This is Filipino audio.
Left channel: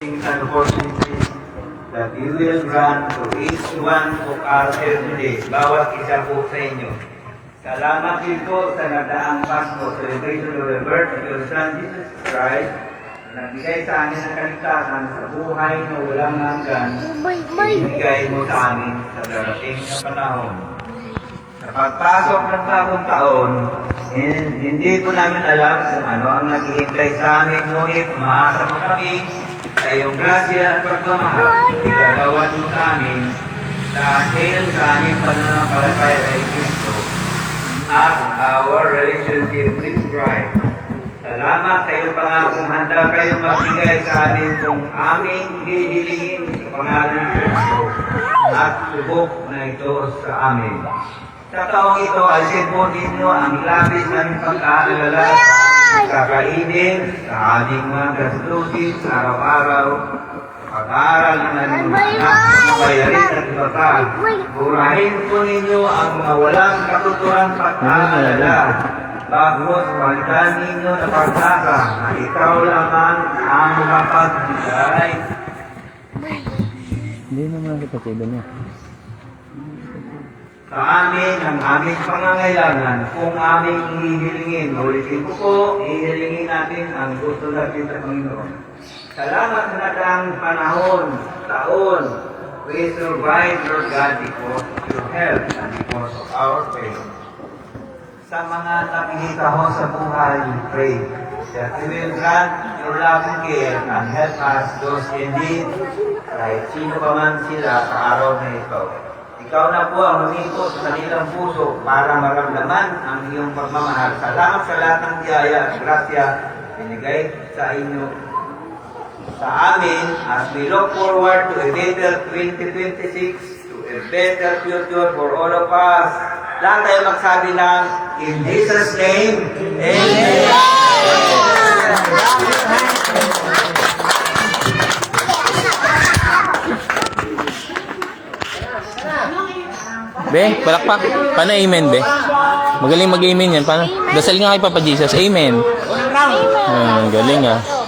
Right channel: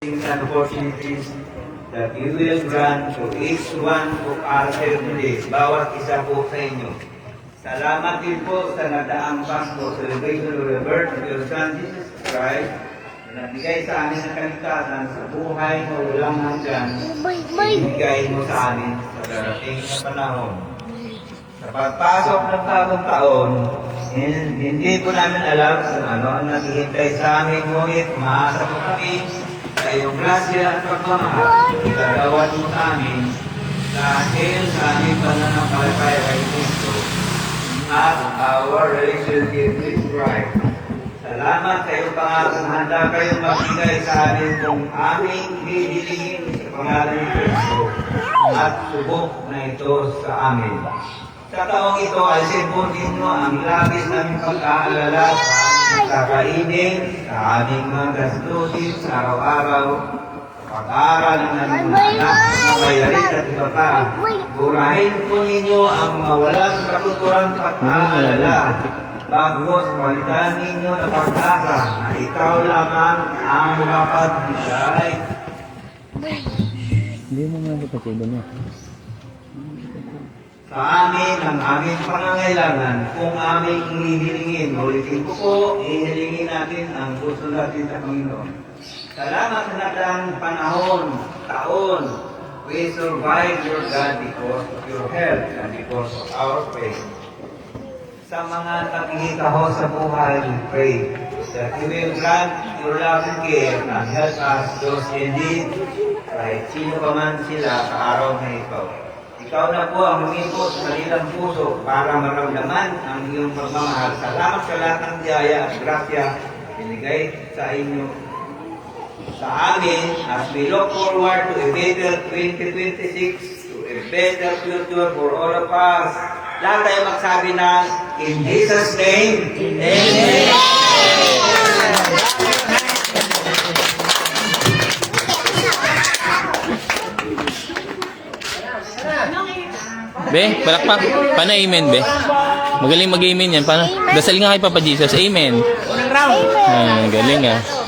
And opportunities that you will grant to each one of our here today, bawat isa po sa inyo. Salamat din po sa nagdaang Pasko, celebration of the birth of your Son, Jesus Christ, na nagbigay sa amin ng kaligtasan sa buhay na walang nandyan, ibigay mo sa amin sa darating na panahon. Sa pagpasok ng bagong taon, hindi po namin alam kung ano ang naghihintay sa amin, ngunit umaasa po kami sa iyong grasya at pagmamahal, gagawin mo sa amin dahil sa aming pananampalataya ay Kristo at our relationship with Christ. Salamat sa iyong pangakong handa kayong magbigay sa amin kung aming hihilingin sa pangalan ng Kristo at subok na ito sa amin. Sa taong ito ay sipon ninyo ang labis ng pag-aalala sa aming kakainin, sa aming mga gastusin sa araw-araw, pag-aaral ng aming anak, mabayarin at iba pa. Burahin po ninyo ang mga walang katuturan pag-aalala. Bagos, palitan ninyo na pag-asa na ikaw lamang ang mapagbigay. Hindi naman kapatid niya. Sa amin ang aming pangangailangan kung aming hihilingin. Ulitin ko po, hihilingin natin ang gusto natin sa Panginoon. Salamat sa natang panahon, taon. We survive, Lord God, because of your help and because of our faith. Sa mga nakikitaho sa buhay, we pray that you will grant your loving care and help us those in need, kahit sino pa man sila sa araw na ito. Ikaw na po ang humikot sa kanilang puso para maramdaman ang iyong pagmamahal. Salamat sa lahat ng biyaya at grasya binigay sa inyo sa amin as we look forward to a better 2026, to a better future for all of us. Lahat tayo magsabi ng in Jesus' name, Amen. Be, palakpak. Paano amen, be? Magaling mag-amen yan. Paano? Dasal nga kay Papa Jesus. Amen. Galing ah.